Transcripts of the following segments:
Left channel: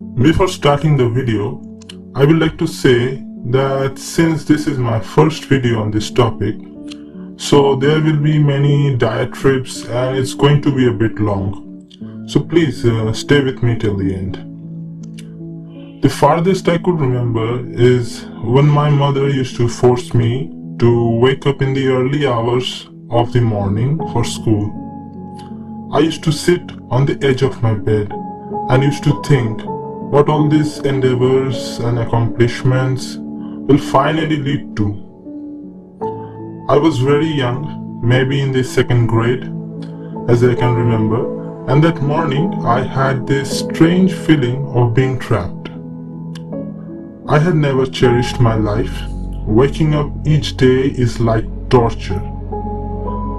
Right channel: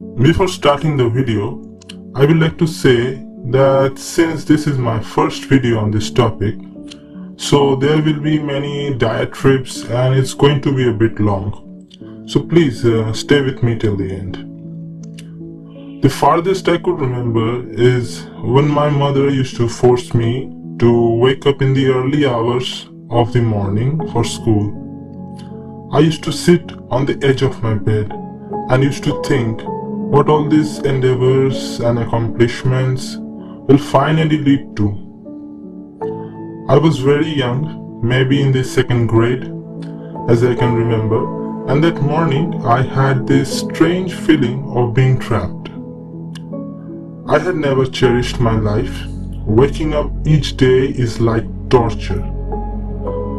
Before starting the video, I would like to say that since this is my first video on this topic, so there will be many diatribes and it's going to be a bit long. So please stay with me till the end. The farthest I could remember is when my mother used to force me to wake up in the early hours of the morning for school. I used to sit on the edge of my bed and used to think what all these endeavors and accomplishments will finally lead to. I was very young, maybe in the second grade, as I can remember, and that morning I had this strange feeling of being trapped. I had never cherished my life. Waking up each day is like torture.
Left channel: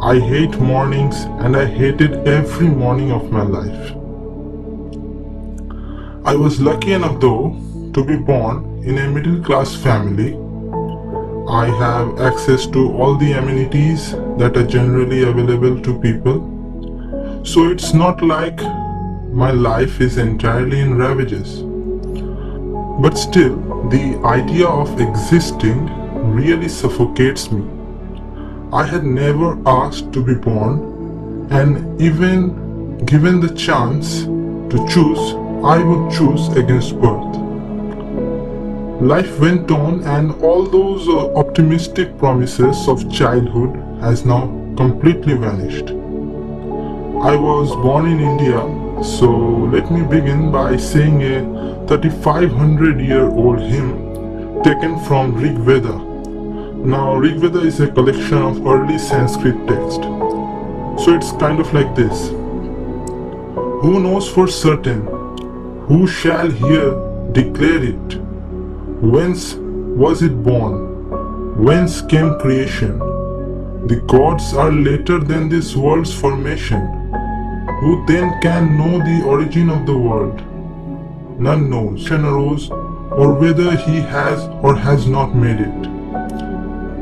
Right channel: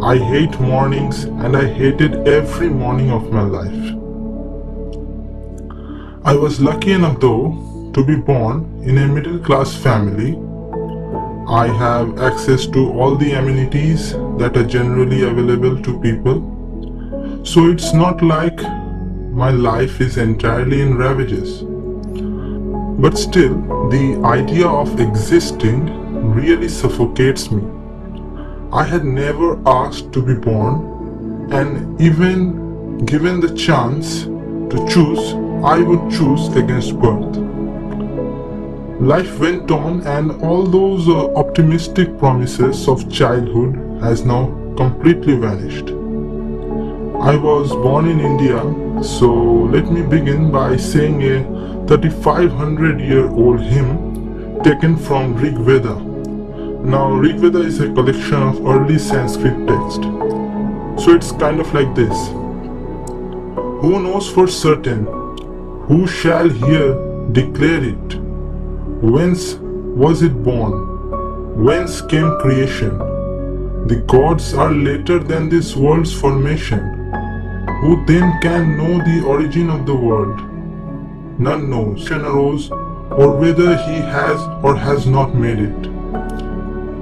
I hate mornings and I hated every morning of my life. I was lucky enough though to be born in a middle-class family. I have access to all the amenities that are generally available to people. So it's not like my life is entirely in ravages. But still, the idea of existing really suffocates me. I had never asked to be born, and even given the chance to choose, I would choose against birth. Life went on, and all those optimistic promises of childhood has now completely vanished. I was born in India, so let me begin by saying a 3,500-year-old hymn taken from Rig Veda. Now, Rig Veda is a collection of early Sanskrit text. So it's kind of like this. Who knows for certain? Who shall here declare it? Whence was it born? Whence came creation? The gods are later than this world's formation. Who then can know the origin of the world? None knows when arose, or whether he has or has not made it.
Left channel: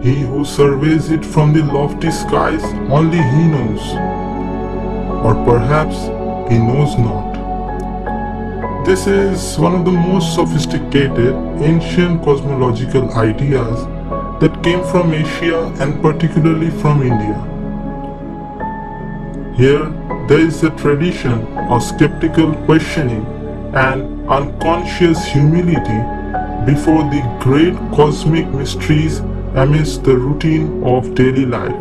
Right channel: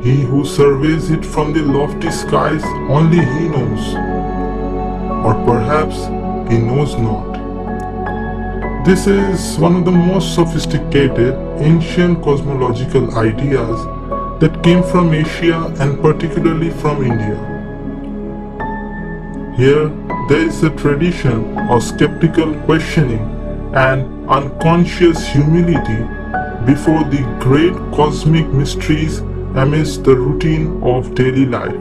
He who surveys it from the lofty skies, only he knows. Or perhaps he knows not. This is one of the most sophisticated ancient cosmological ideas that came from Asia and particularly from India. Here, there is a tradition of skeptical questioning and unconscious humility before the great cosmic mysteries amidst the routine of daily life.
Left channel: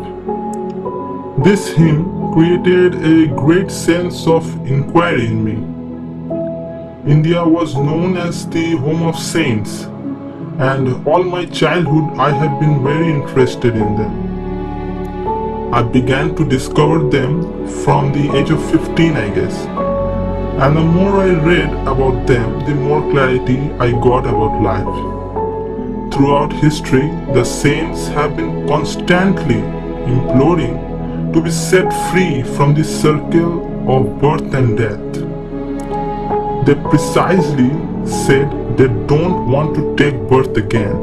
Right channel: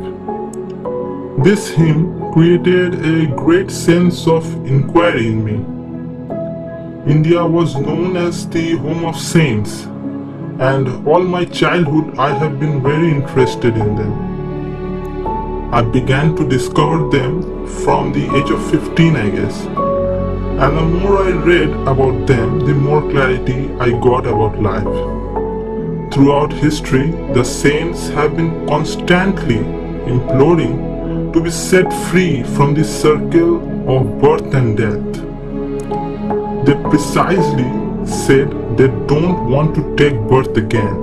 This hymn created a great sense of inquiry in me. India was known as the home of saints, and all my childhood I have been very interested in them. I began to discover them from the age of 15, I guess. And the more I read about them, the more clarity I got about life. Throughout history, the saints have been constantly imploring to be set free from the circle of birth and death. They precisely said they don't want to take birth again.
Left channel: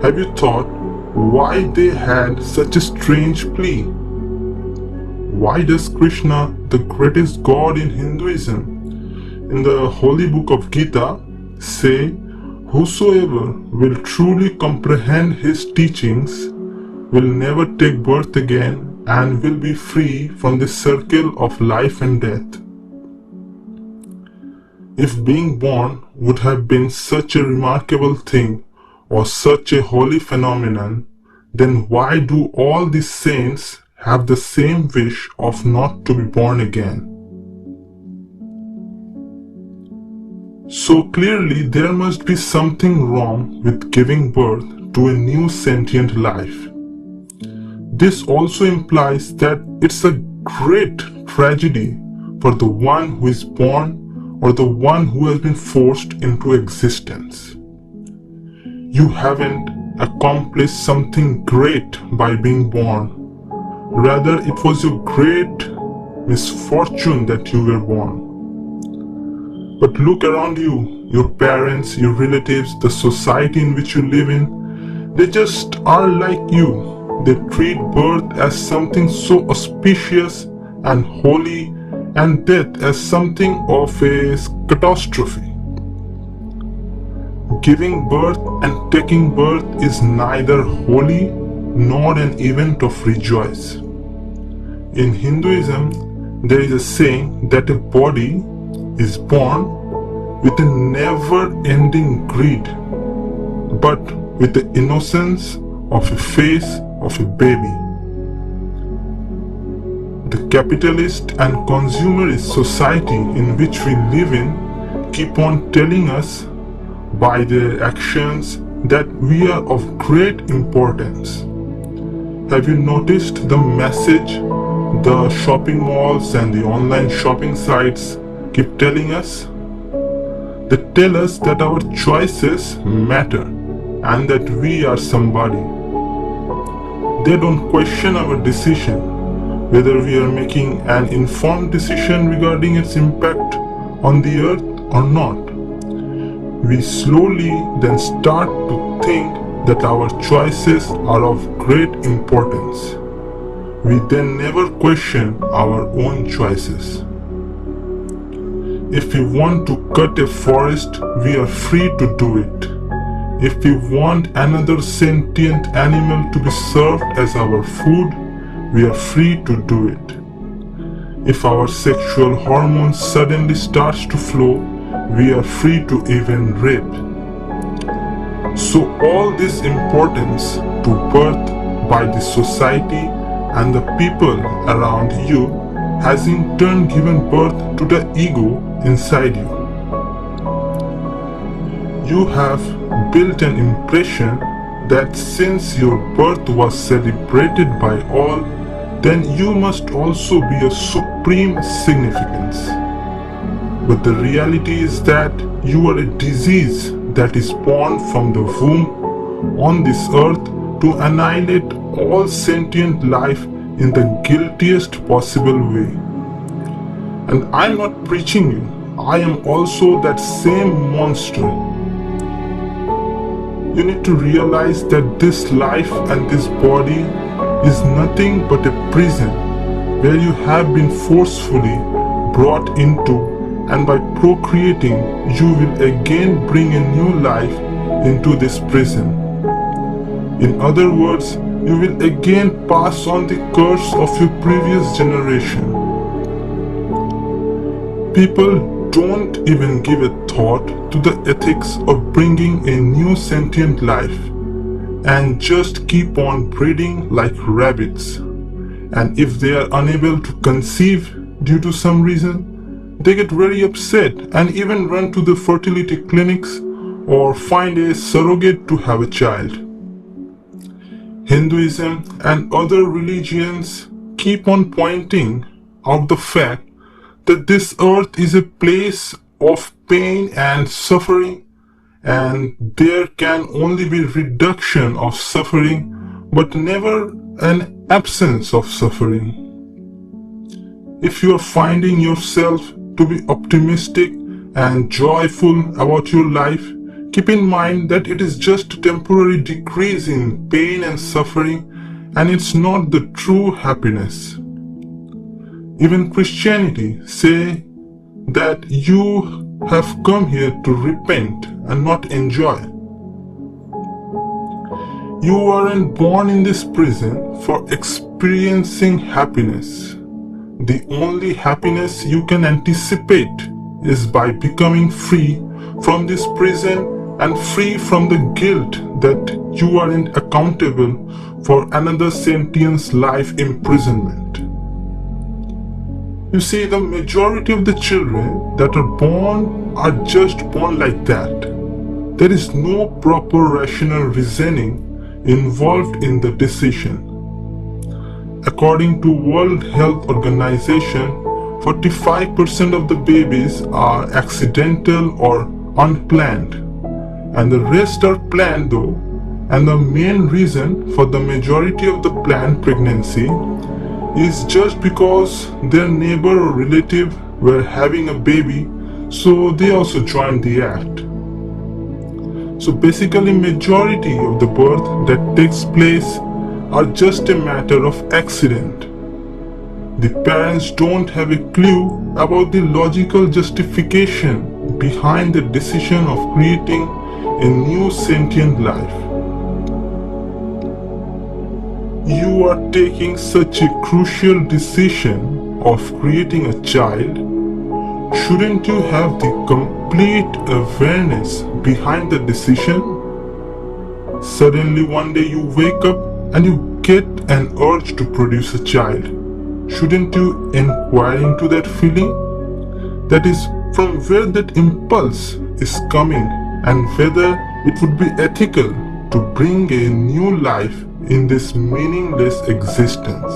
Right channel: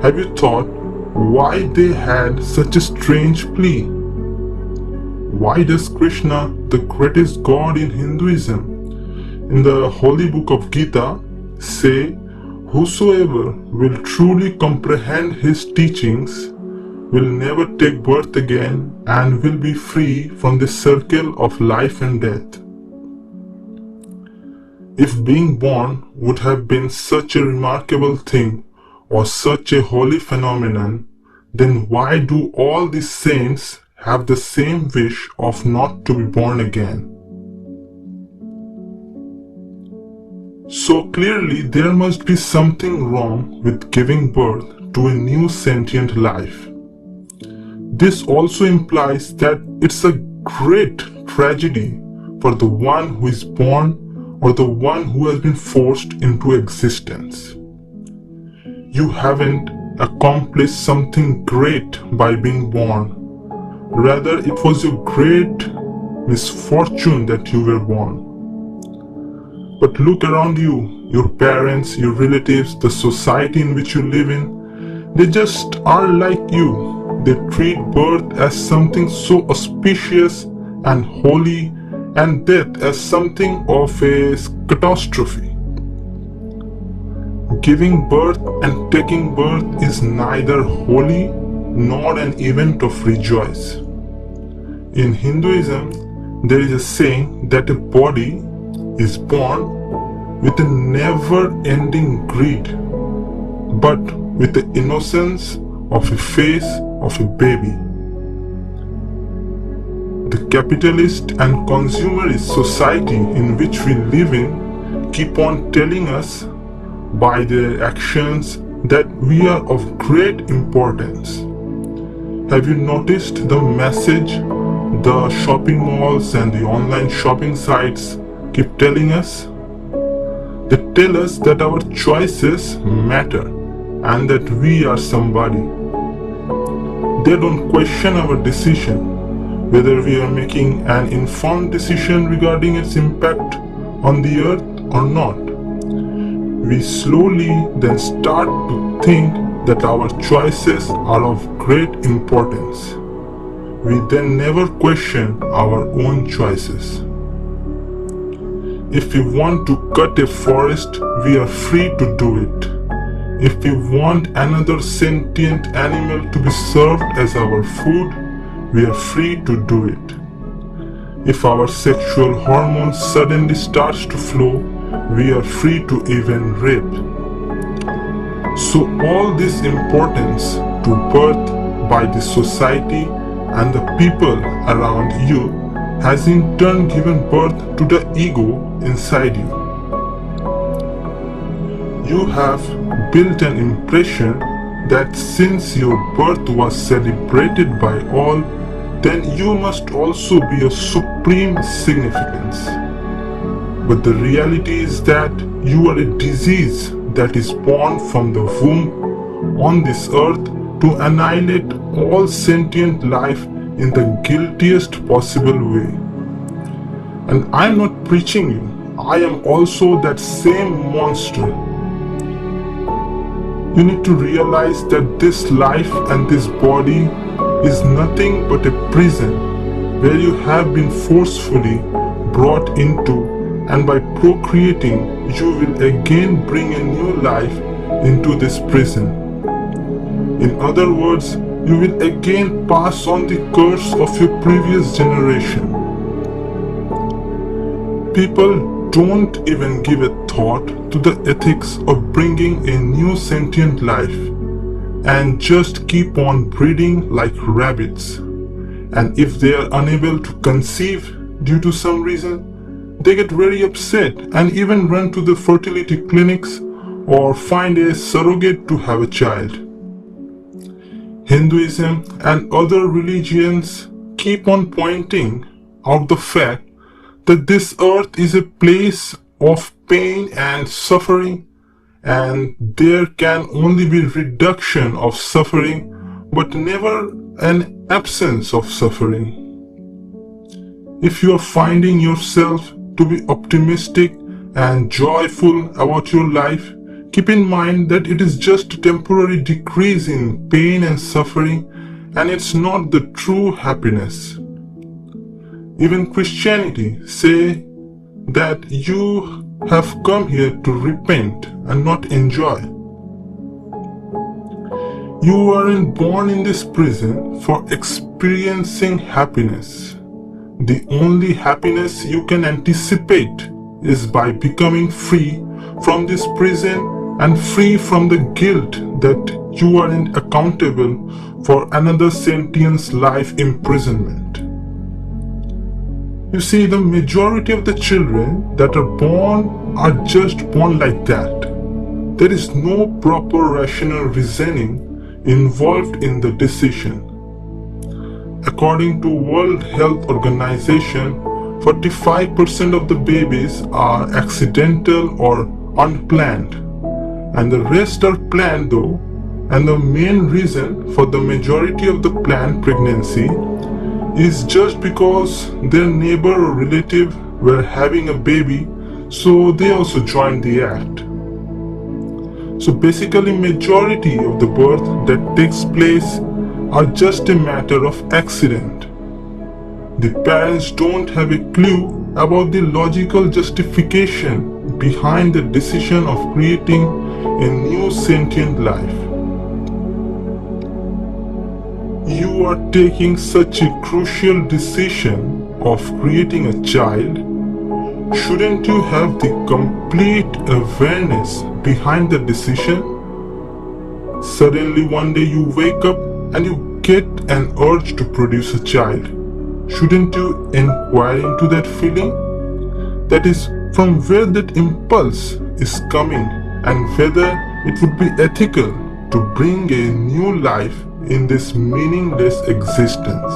Have you thought why they had such a strange plea? Why does Krishna, the greatest god in Hinduism, in the holy book of Gita, say, whosoever will truly comprehend his teachings will never take birth again and will be free from the circle of life and death? If being born would have been such a remarkable thing or such a holy phenomenon, then why do all these saints have the same wish of not to be born again? So clearly there must be something wrong with giving birth to a new sentient life. This also implies that it's a great tragedy for the one who is born or the one who has been forced into existence. You haven't accomplished something great by being born. Rather, it was your great misfortune that you were born. But look around you, your parents, your relatives, the society in which you live in, they just are like you. They treat birth as something so auspicious and holy and death as something of a catastrophe. Giving birth and taking birth is neither holy nor an event of rejoice. In Hinduism, there is a saying that a body is born with a never-ending greed, but with the innocence of a face of a baby. The capitalist and consumerist society in which we live in keep on telling us by their actions that we are of great importance. Have you noticed the message the shopping malls and the online shopping sites keep telling us? They tell us that our choices matter and that we are somebody. They don't question our decision, whether we are making an informed decision regarding its impact on the earth or not. We slowly then start to think that our choices are of great importance. We then never question our own choices. If we want to cut a forest, we are free to do it. If we want another sentient animal to be served as our food, we are free to do it. If our sexual hormones suddenly starts to flow, we are free to even rape. So all this importance to birth by the society and the people around you has in turn given birth to the ego inside you. You have built an impression that since your birth was celebrated by all, then you must also be of supreme significance. But the reality is that you are a disease that is born from the womb on this earth to annihilate all sentient life in the guiltiest possible way. And I am not preaching you, I am also that same monster. You need to realize that this life and this body is nothing but a prison where you have been forcefully brought into, and by procreating you will again bring a new life into this prison. In other words, you will again pass on the curse of your previous generation. People don't even give a thought to the ethics of bringing a new sentient life and just keep on breeding like rabbits. And if they are unable to conceive due to some reason, they get very upset and even run to the fertility clinics or find a surrogate to have a child. Hinduism and other religions keep on pointing out the fact that this earth is a place of pain and suffering, and there can only be reduction of suffering but never an absence of suffering. If you are finding yourself to be optimistic and joyful about your life, keep in mind that it is just a temporary decrease in pain and suffering, and it's not the true happiness. Even Christianity say that you have come here to repent and not enjoy. You aren't born in this prison for experiencing happiness. The only happiness you can anticipate is by becoming free from this prison and free from the guilt that you aren't accountable for another sentient's life imprisonment. You see, the majority of the children that are born are just born like that. There is no proper rational reasoning involved in the decision. According to World Health Organization, 45% of the babies are accidental or unplanned, and the rest are planned though, and the main reason for the majority of the planned pregnancy is just because their neighbor or relative were having a baby, so they also joined the act. So basically majority of the birth that takes place are just a matter of accident. the parents don't have a clue about the logical justification behind the decision of creating a new sentient life. You are taking such a crucial decision of creating a child. Shouldn't you have the complete awareness behind the decision? Suddenly one day you wake up and you get an urge to produce a child. Shouldn't you inquire into that feeling? That is, from where that impulse is coming and whether it would be ethical to bring a new life in this meaningless existence.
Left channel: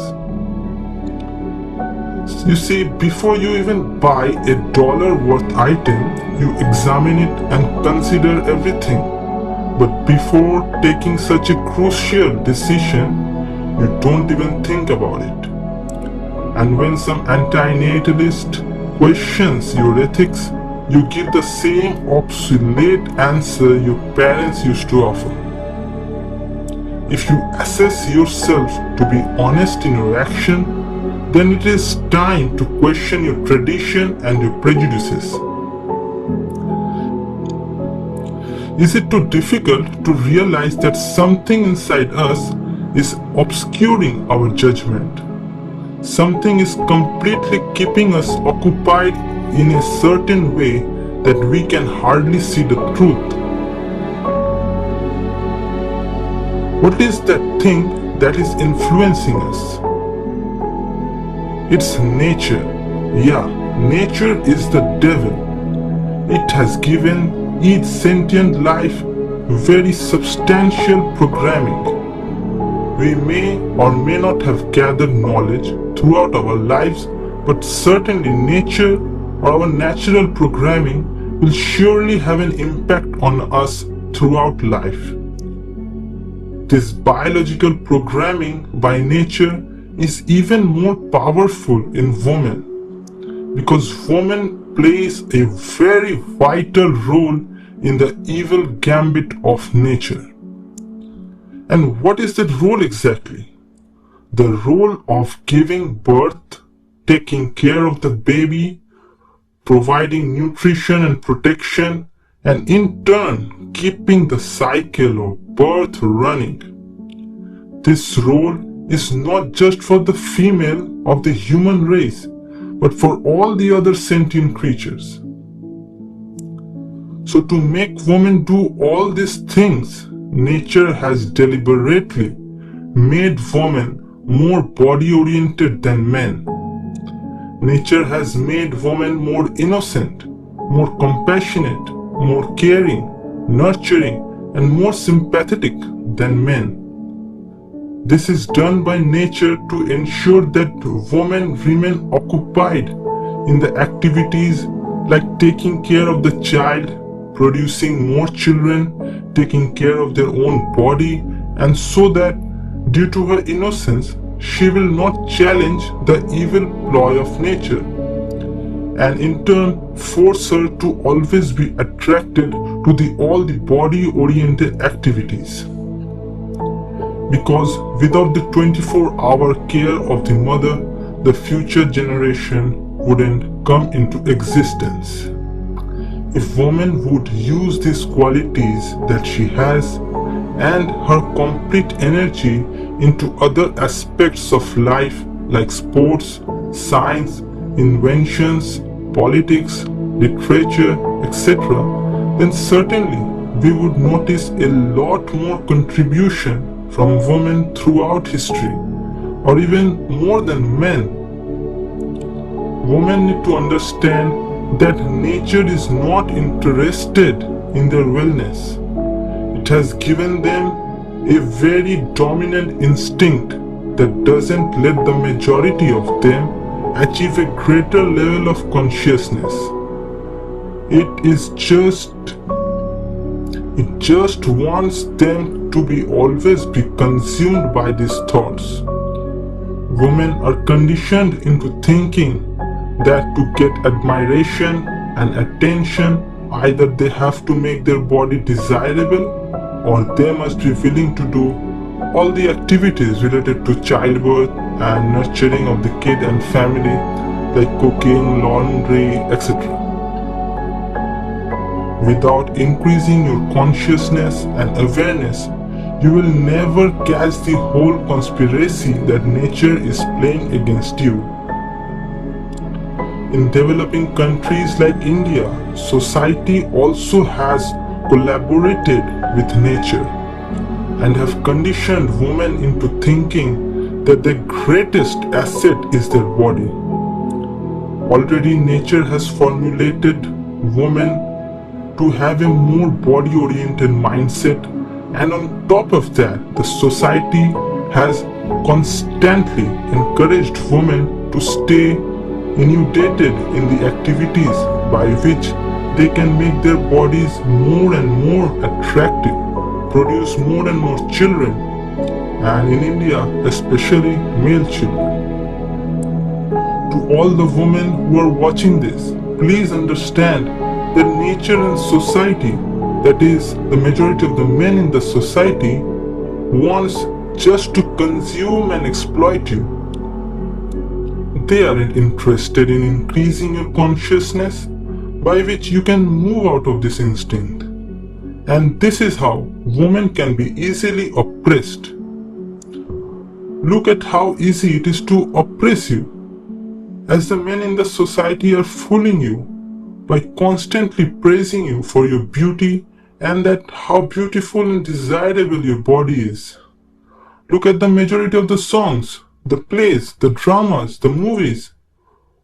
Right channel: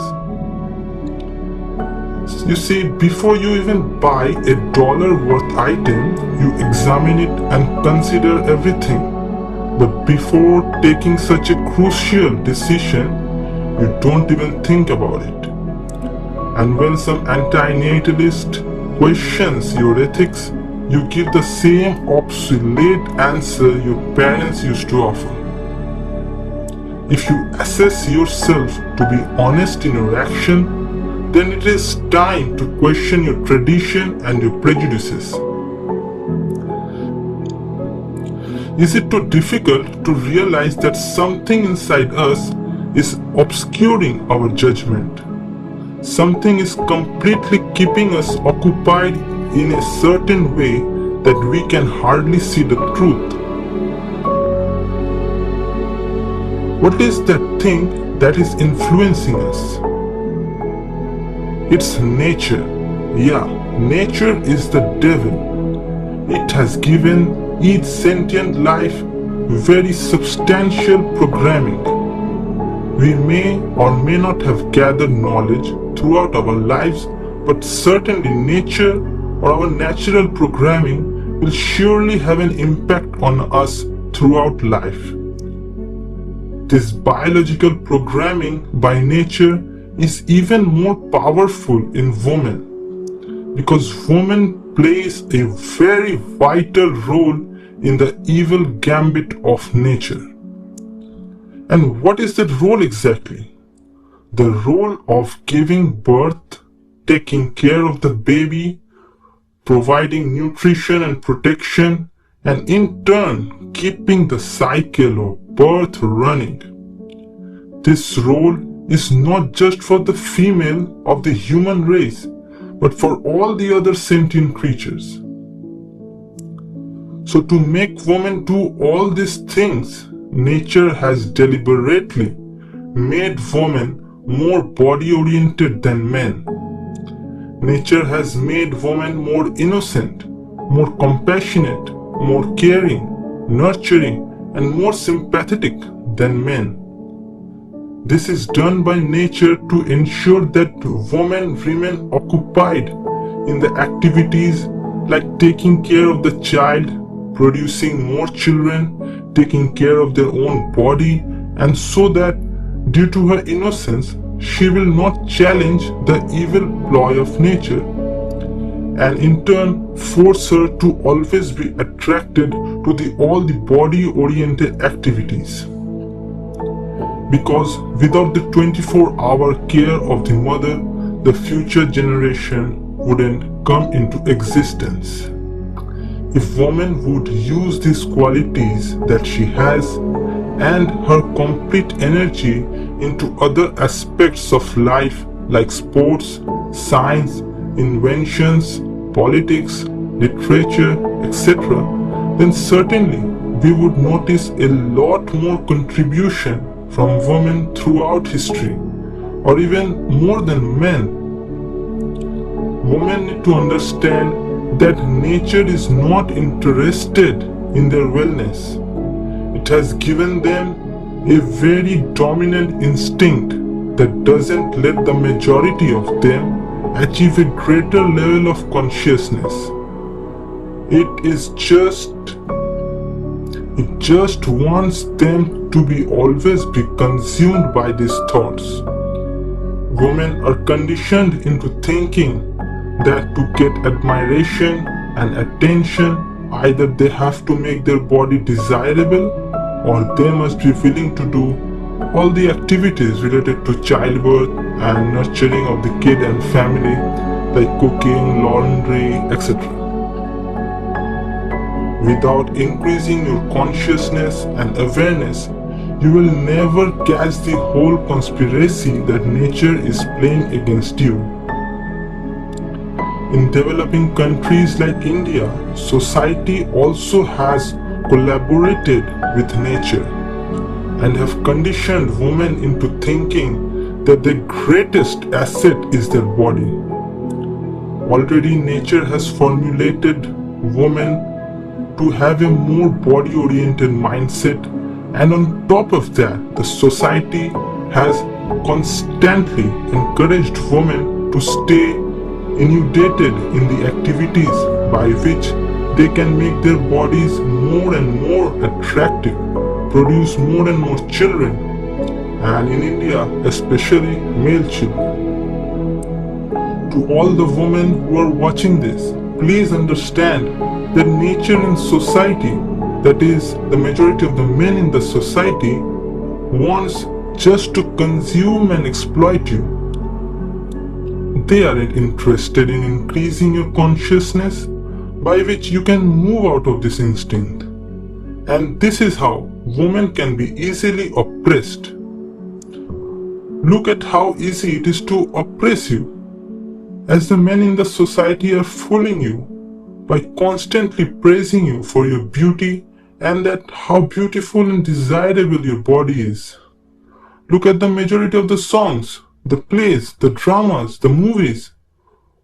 You see, before you even buy a dollar worth item, you examine it and consider everything. But before taking such a crucial decision, you don't even think about it. And when some anti-natalist questions your ethics, you give the same obsolete answer your parents used to offer. If you assess yourself to be honest in your action, then it is time to question your tradition and your prejudices. Is it too difficult to realize that something inside us is obscuring our judgment? Something is completely keeping us occupied in a certain way that we can hardly see the truth. What is that thing that is influencing us? It's nature. Yeah, nature is the devil. It has given each sentient life very substantial programming. We may or may not have gathered knowledge throughout our lives, but certainly nature or our natural programming will surely have an impact on us throughout life. This biological programming by nature is even more powerful in women, because woman plays a very vital role in the evil gambit of nature. And what is that role exactly? The role of giving birth, taking care of the baby, providing nutrition and protection, and in turn keeping the cycle of birth running. This role is not just for the female of the human race, but for all the other sentient creatures. So to make women do all these things, nature has deliberately made women more body-oriented than men. Nature has made women more innocent, more compassionate, more caring, nurturing, and more sympathetic than men. This is done by nature to ensure that women remain occupied in the activities like taking care of the child, producing more children, taking care of their own body, and so that due to her innocence, she will not challenge the evil ploy of nature, and in turn force her to always be attracted to all the body-oriented activities. Because without the 24-hour care of the mother, the future generation wouldn't come into existence. If woman would use these qualities that she has and her complete energy into other aspects of life like sports, science, inventions, politics, literature, etc., then certainly we would notice a lot more contribution from women throughout history, or even more than men. Women need to understand that nature is not interested in their wellness. It has given them a very dominant instinct that doesn't let the majority of them achieve a greater level of consciousness. It just wants them to be always be consumed by these thoughts. Women are conditioned into thinking that to get admiration and attention, either they have to make their body desirable or they must be willing to do all the activities related to childbirth and nurturing of the kid and family, like cooking, laundry, etc. Without increasing your consciousness and awareness, you will never catch the whole conspiracy that nature is playing against you. In developing countries like India, society also has collaborated with nature and have conditioned women into thinking that their greatest asset is their body. Already nature has formulated women to have a more body-oriented mindset, and on top of that, the society has constantly encouraged women to stay inundated in the activities by which they can make their bodies more and more attractive, produce more and more children, and in India, especially male children. To all the women who are watching this, please understand that nature and society, that is, the majority of the men in the society, wants just to consume and exploit you. They aren't interested in increasing your consciousness by which you can move out of this instinct. And this is how women can be easily oppressed. Look at how easy it is to oppress you, as the men in the society are fooling you by constantly praising you for your beauty and that how beautiful and desirable your body is. Look at the majority of the songs, the plays, the dramas, the movies.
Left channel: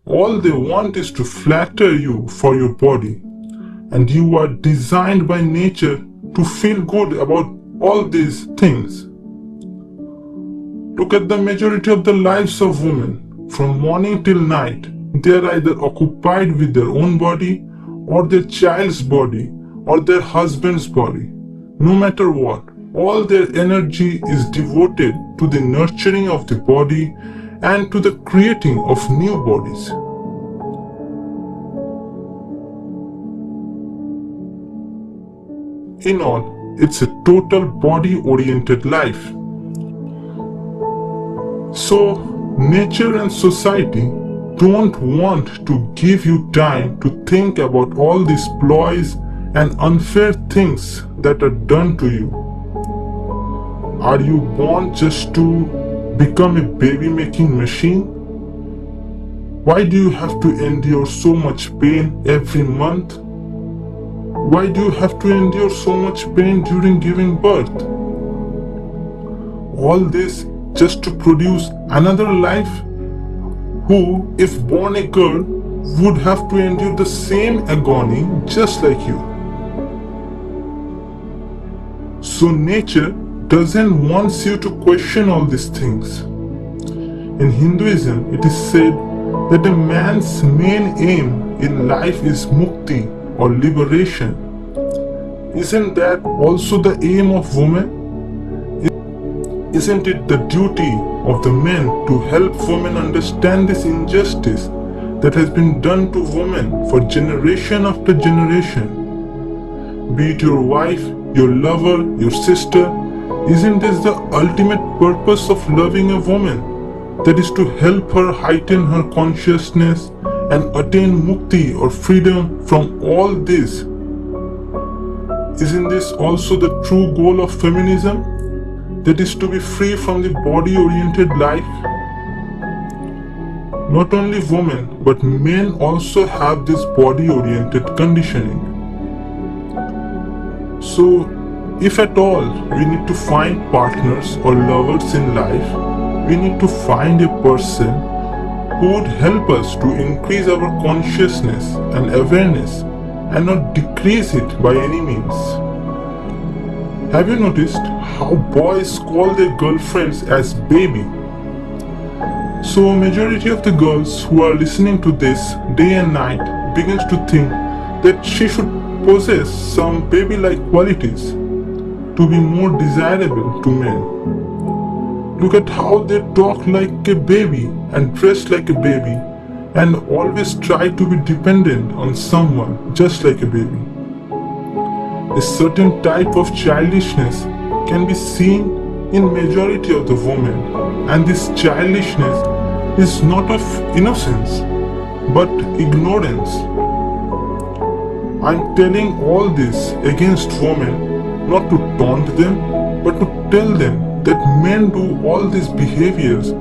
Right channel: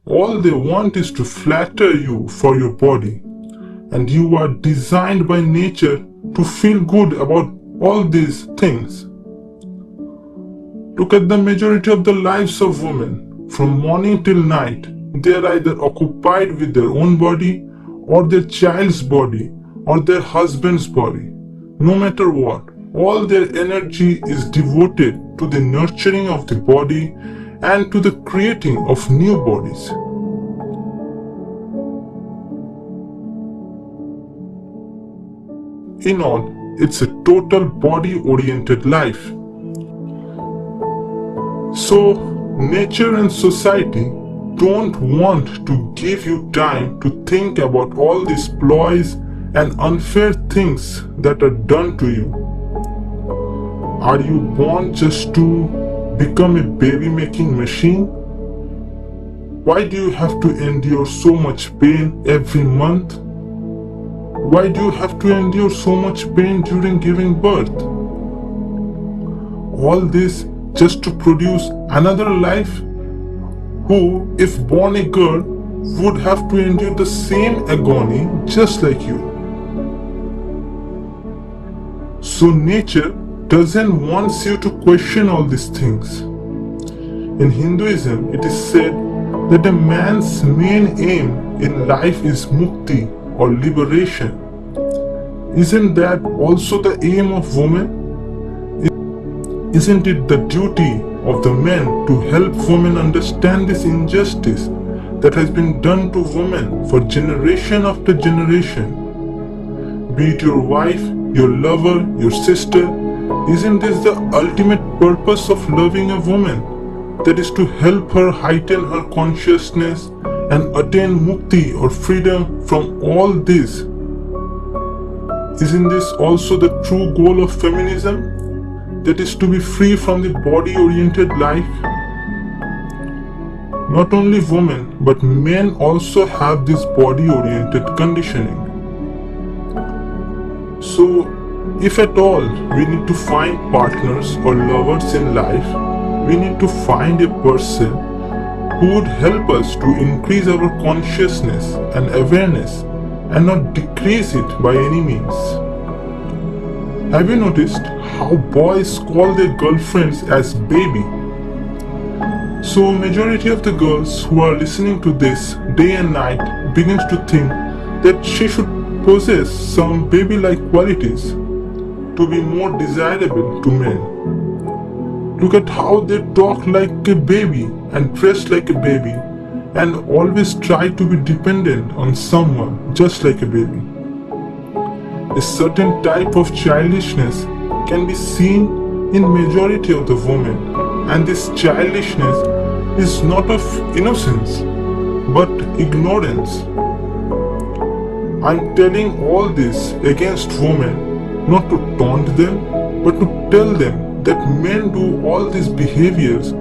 All they want is to flatter you for your body, and you are designed by nature to feel good about all these things. Look at the majority of the lives of women. From morning till night, they are either occupied with their own body or their child's body or their husband's body. No matter what, all their energy is devoted to the nurturing of the body and to the creating of new bodies. In all, it's a total body-oriented life. So, nature and society don't want to give you time to think about all these ploys and unfair things that are done to you. Are you born just to become a baby-making machine? Why do you have to endure so much pain every month? Why do you have to endure so much pain during giving birth? All this just to produce another life who, if born a girl, would have to endure the same agony just like you. So nature doesn't want you to question all these things. In Hinduism, it is said that a man's main aim in life is mukti or liberation. Isn't that also the aim of women? Isn't it the duty of the men to help women understand this injustice that has been done to women for generation after generation? Be it your wife, your lover, your sister, isn't this the ultimate purpose of loving a woman? That is to help her heighten her consciousness and attain mukti or freedom from all this. Isn't this also the true goal of feminism? That is to be free from the body-oriented life. Not only women, but men also have this body-oriented conditioning. So, if at all we need to find partners or lovers in life, we need to find a person who would help us to increase our consciousness and awareness and not decrease it by any means. Have you noticed how boys call their girlfriends as baby? So majority of the girls who are listening to this day and night begins to think that she should possess some baby-like qualities to be more desirable to men. Look at how they talk like a baby and dress like a baby and always try to be dependent on someone just like a baby. A certain type of childishness can be seen in majority of the women And this childishness is not of innocence, but ignorance. I'm telling all this against women, not to taunt them, but to tell them that men do all these behaviors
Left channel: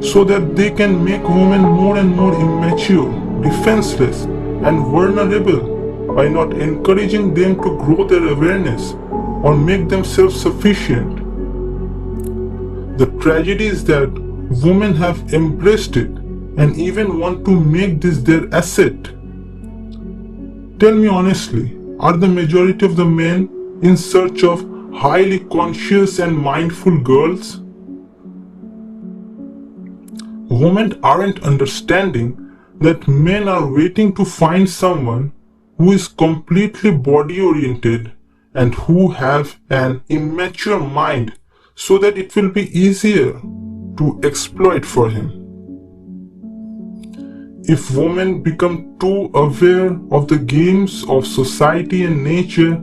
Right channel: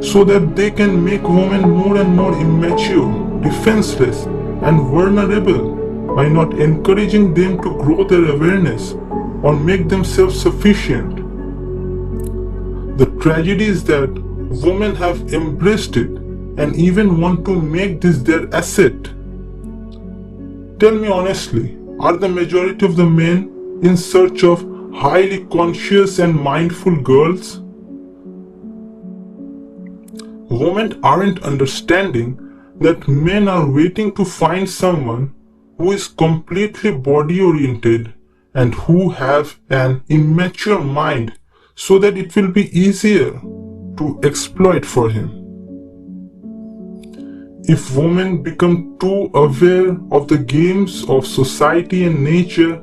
so that they can make women more and more immature, defenseless, and vulnerable by not encouraging them to grow their awareness or make them self-sufficient. The tragedy is that women have embraced it and even want to make this their asset. Tell me honestly, are the majority of the men in search of highly conscious and mindful girls? Women aren't understanding that men are waiting to find someone who is completely body-oriented and who have an immature mind so that it will be easier to exploit for him. If women become too aware of the games of society and nature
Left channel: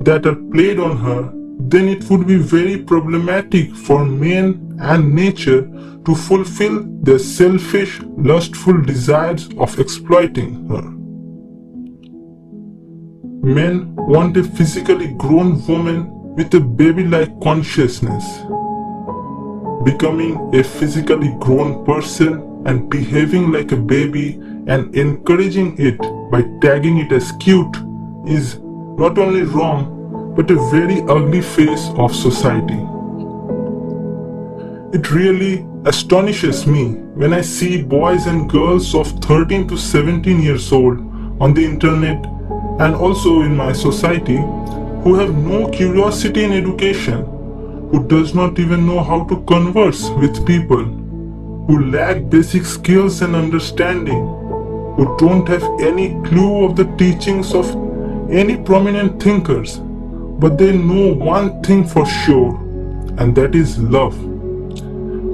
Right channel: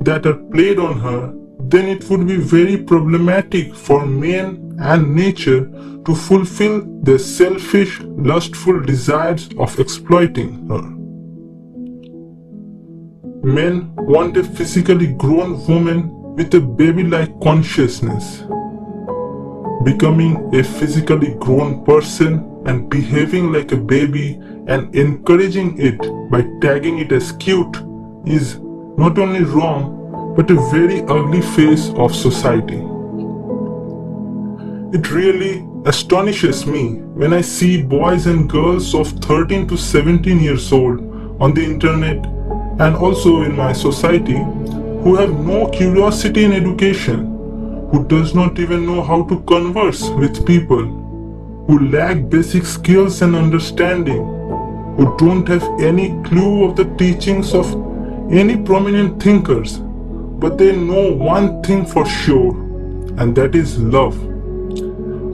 that are played on her, then it would be very problematic for men and nature to fulfill their selfish, lustful desires of exploiting her. Men want a physically grown woman with a baby-like consciousness. Becoming a physically grown person and behaving like a baby and encouraging it by tagging it as cute is not only wrong but a very ugly face of society. It really astonishes me when I see boys and girls of 13 to 17 years old on the internet and also in my society who have no curiosity in education, who does not even know how to converse with people, who lack basic skills and understanding, who don't have any clue of the teachings of any prominent thinkers, but they know one thing for sure, and that is love.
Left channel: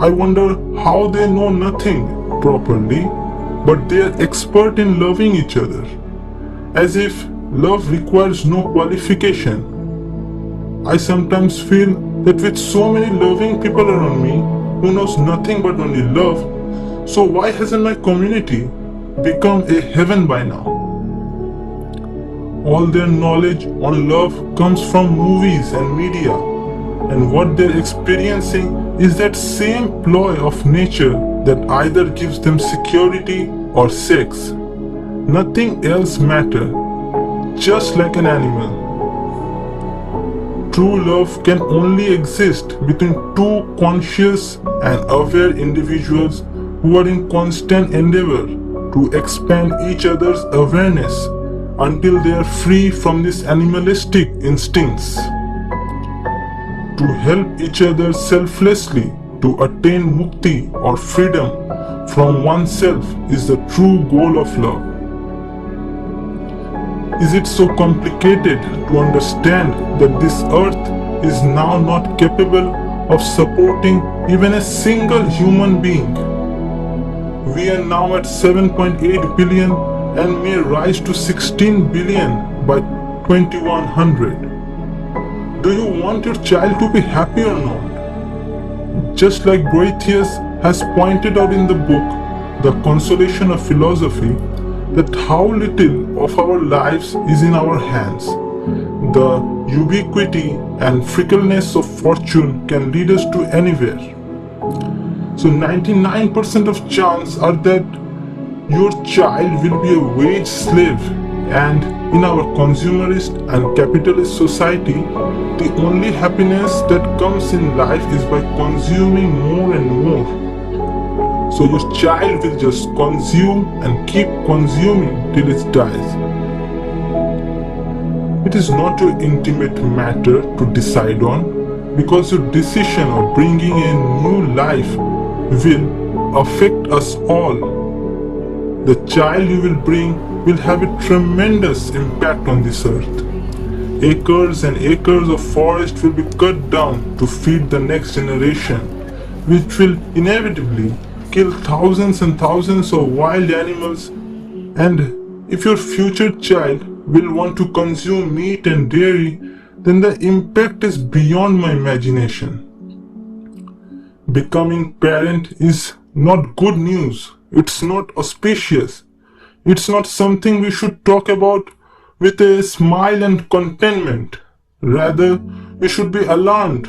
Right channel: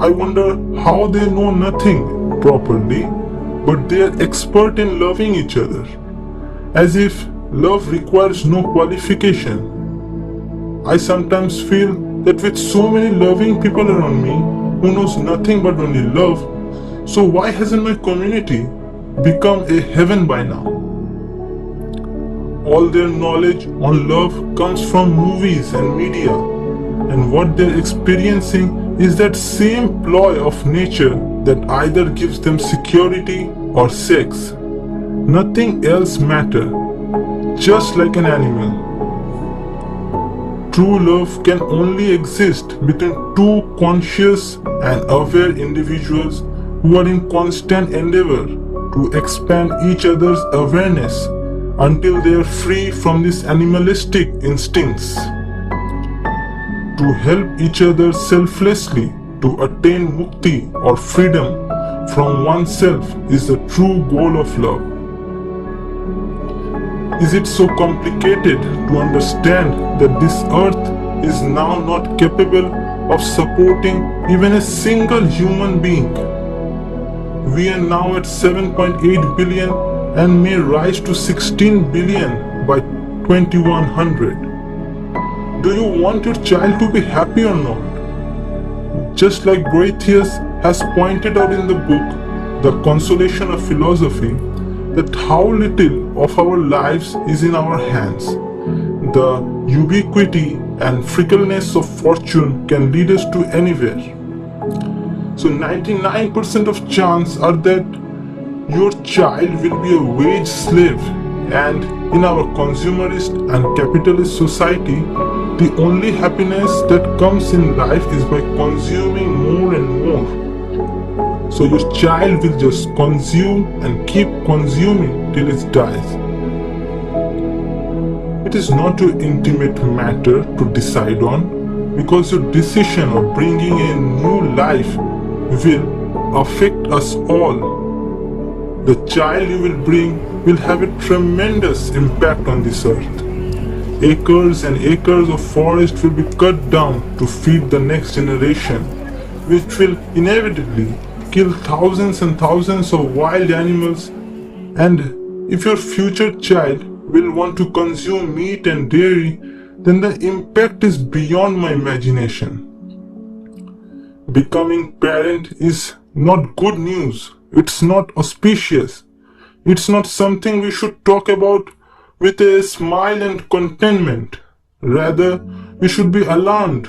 I wonder how they know nothing properly, but they are expert in loving each other, as if love requires no qualification. I sometimes feel that with so many loving people around me who knows nothing but only love, so why hasn't my community become a heaven by now? All their knowledge on love comes from movies and media, and what they're experiencing is that same ploy of nature that either gives them security or sex. Nothing else matters, just like an animal. True love can only exist between two conscious and aware individuals who are in constant endeavor to expand each other's awareness until they are free from these animalistic instincts. To help each other selflessly to attain mukti or freedom from oneself is the true goal of love. Is it so complicated to understand that this earth is now not capable of supporting even a single human being? We are now at 7.8 billion and may rise to 16 billion by 2100. Do you want your child to be happy or not? Just like Boethius has pointed out in the book, The Consolation of Philosophy, that how little of our lives is in our hands. The ubiquity and fickleness of fortune can lead us to anywhere. So 99% of chance are that your child will be a wage slave, and in our consumerist and capitalist society, the only happiness that comes in life is by consuming more and more. So your child will just consume and keep consuming till it dies. It is not your intimate matter to decide on, because your decision of bringing a new life will affect us all. The child you will bring will have a tremendous impact on this earth. Acres and acres of forest will be cut down to feed the next generation, which will inevitably kill thousands and thousands of wild animals. And if your future child will want to consume meat and dairy, then the impact is beyond my imagination. becoming parent is not good news. It's not auspicious. It's not something we should talk about with a smile and contentment. Rather, we should be alarmed.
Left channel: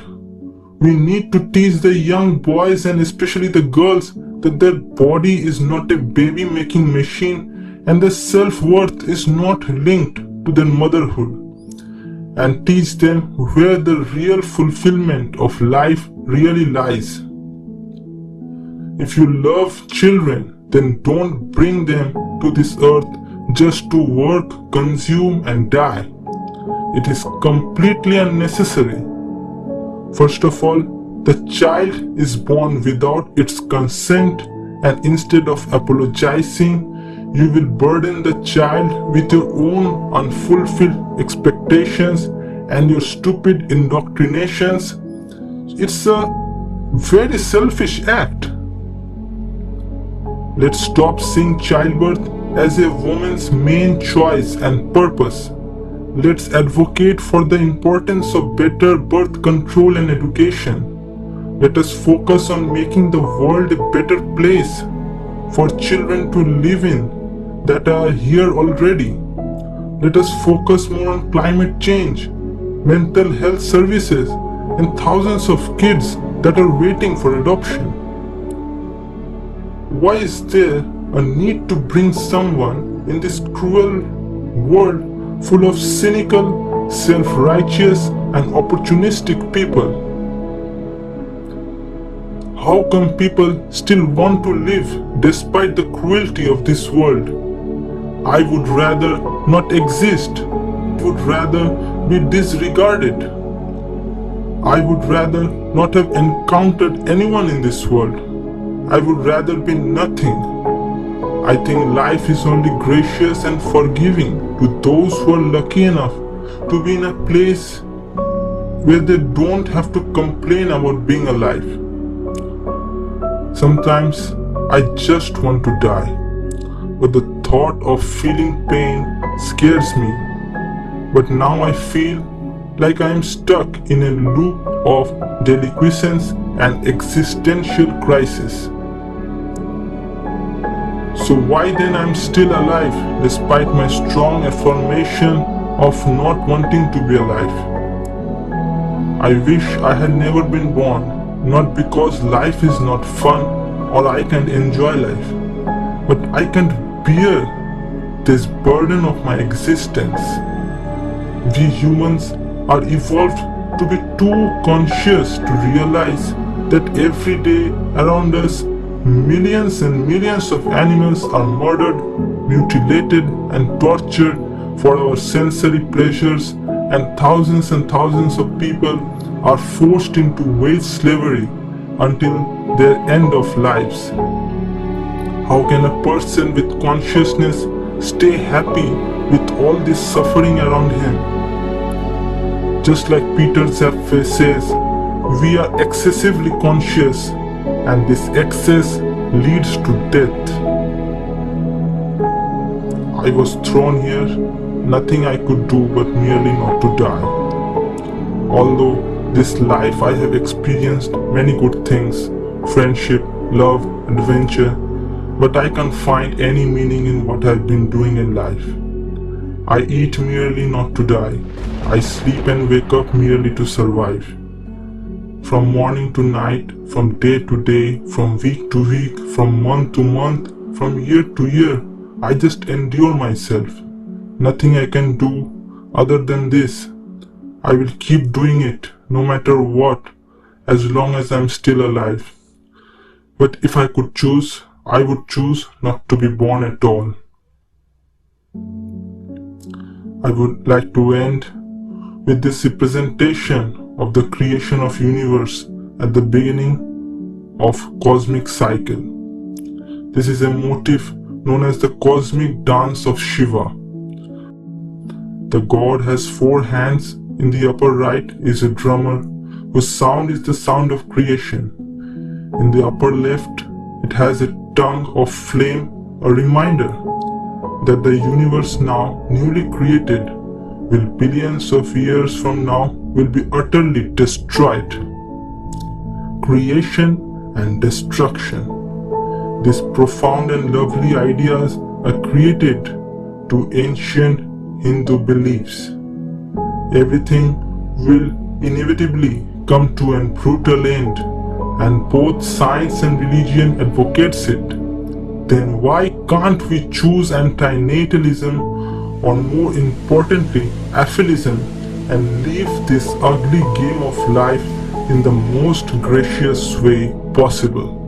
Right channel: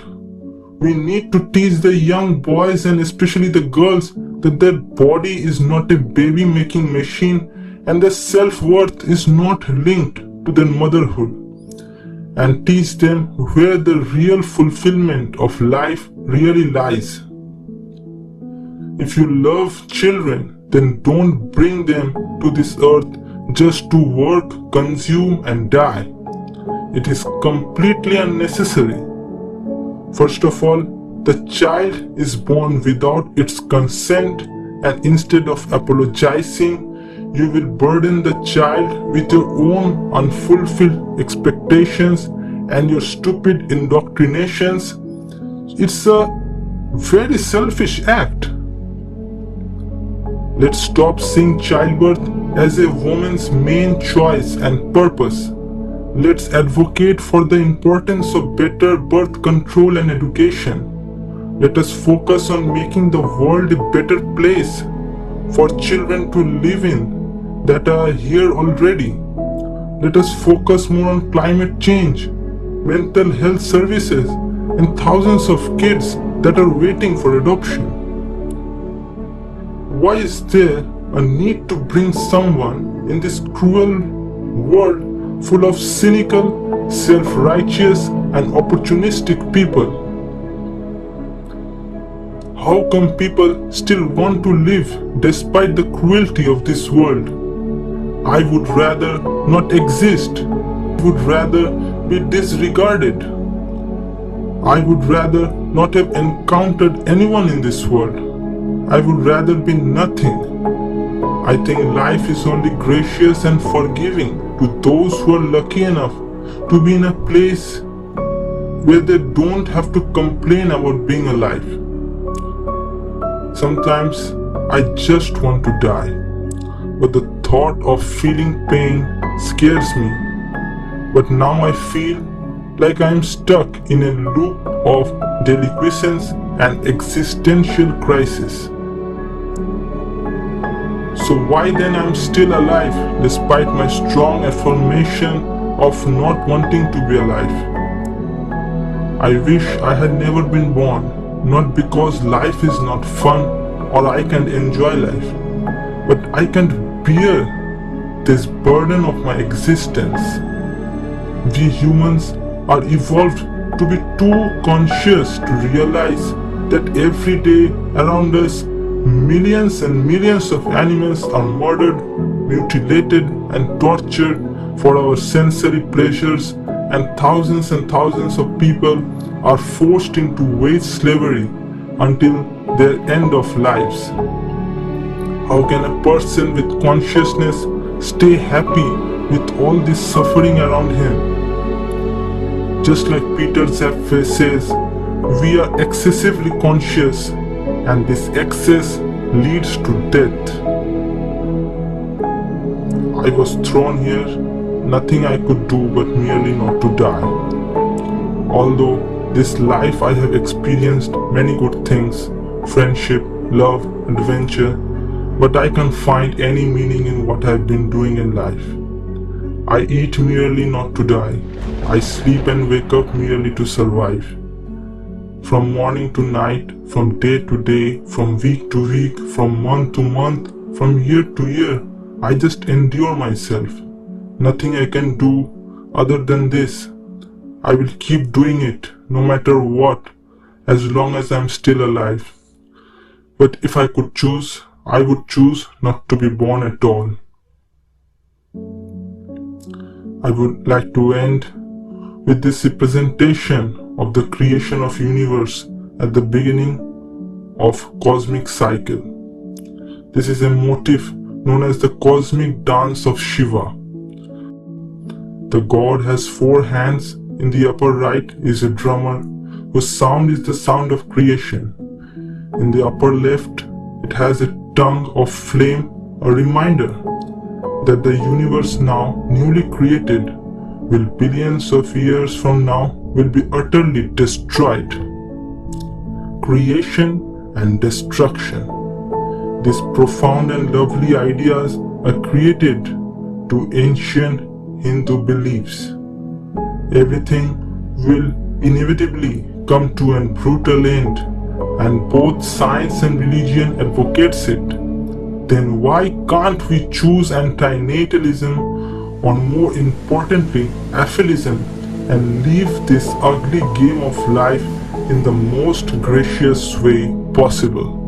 We need to teach the young boys and especially the girls that their body is not a baby-making machine and their self-worth is not linked to their motherhood, and teach them where the real fulfillment of life really lies. If you love children, then don't bring them to this earth just to work, consume and die. It is completely unnecessary. First of all, the child is born without its consent, and instead of apologizing, you will burden the child with your own unfulfilled expectations and your stupid indoctrinations. It's a very selfish act. Let's stop seeing childbirth as a woman's main choice and purpose. Let's advocate for the importance of better birth control and education. Let us focus on making the world a better place for children to live in that are here already. Let us focus more on climate change, mental health services, and thousands of kids that are waiting for adoption. Why is there a need to bring someone in this cruel world full of cynical, self-righteous and opportunistic people? How come people still want to live despite the cruelty of this world? I would rather not exist. I would rather be disregarded. I would rather not have encountered anyone in this world. I would rather be nothing. I think life is only gracious and forgiving to those who are lucky enough to be in a place where they don't have to complain about being alive. Sometimes I just want to die, but the thought of feeling pain scares me. But now I feel like I am stuck in a loop of deliquescence and existential crisis. So why then I'm still alive despite my strong affirmation of not wanting to be alive? I wish I had never been born, not because life is not fun or I can't enjoy life, but I can't bear this burden of my existence. We humans are evolved to be too conscious to realize that every day around us millions and millions of animals are murdered, mutilated and tortured for our sensory pleasures, and thousands of people are forced into wage slavery until their end of lives. How can a person with consciousness stay happy with all this suffering around him? Just like Peter Zapfe says, we are excessively conscious, and this excess leads to death. I was thrown here, nothing I could do but merely not to die. Although this life I have experienced many good things, friendship, love, adventure, but I can't find any meaning in what I've been doing in life. I eat merely not to die. I sleep and wake up merely to survive. From morning to night, from day to day, from week to week, from month to month, from year to year, I just endure myself. Nothing I can do other than this. I will keep doing it, no matter what, as long as I'm still alive. But if I could choose, I would choose not to be born at all. I would like to end with this representation of the creation of universe at the beginning of cosmic cycle. This is a motif known as the cosmic dance of Shiva. The god has 4 hands. In the upper right is a drummer whose sound is the sound of creation. In the upper left, it has a tongue of flame, a reminder that the universe now newly created will billions of years from now will be utterly destroyed. Creation and destruction. These profound and lovely ideas are created to ancient Hindu beliefs. Everything will inevitably come to a brutal end, and both science and religion advocates it. Then why can't we choose antinatalism, or more importantly, aphilism, and live this ugly game of life in the most gracious way possible?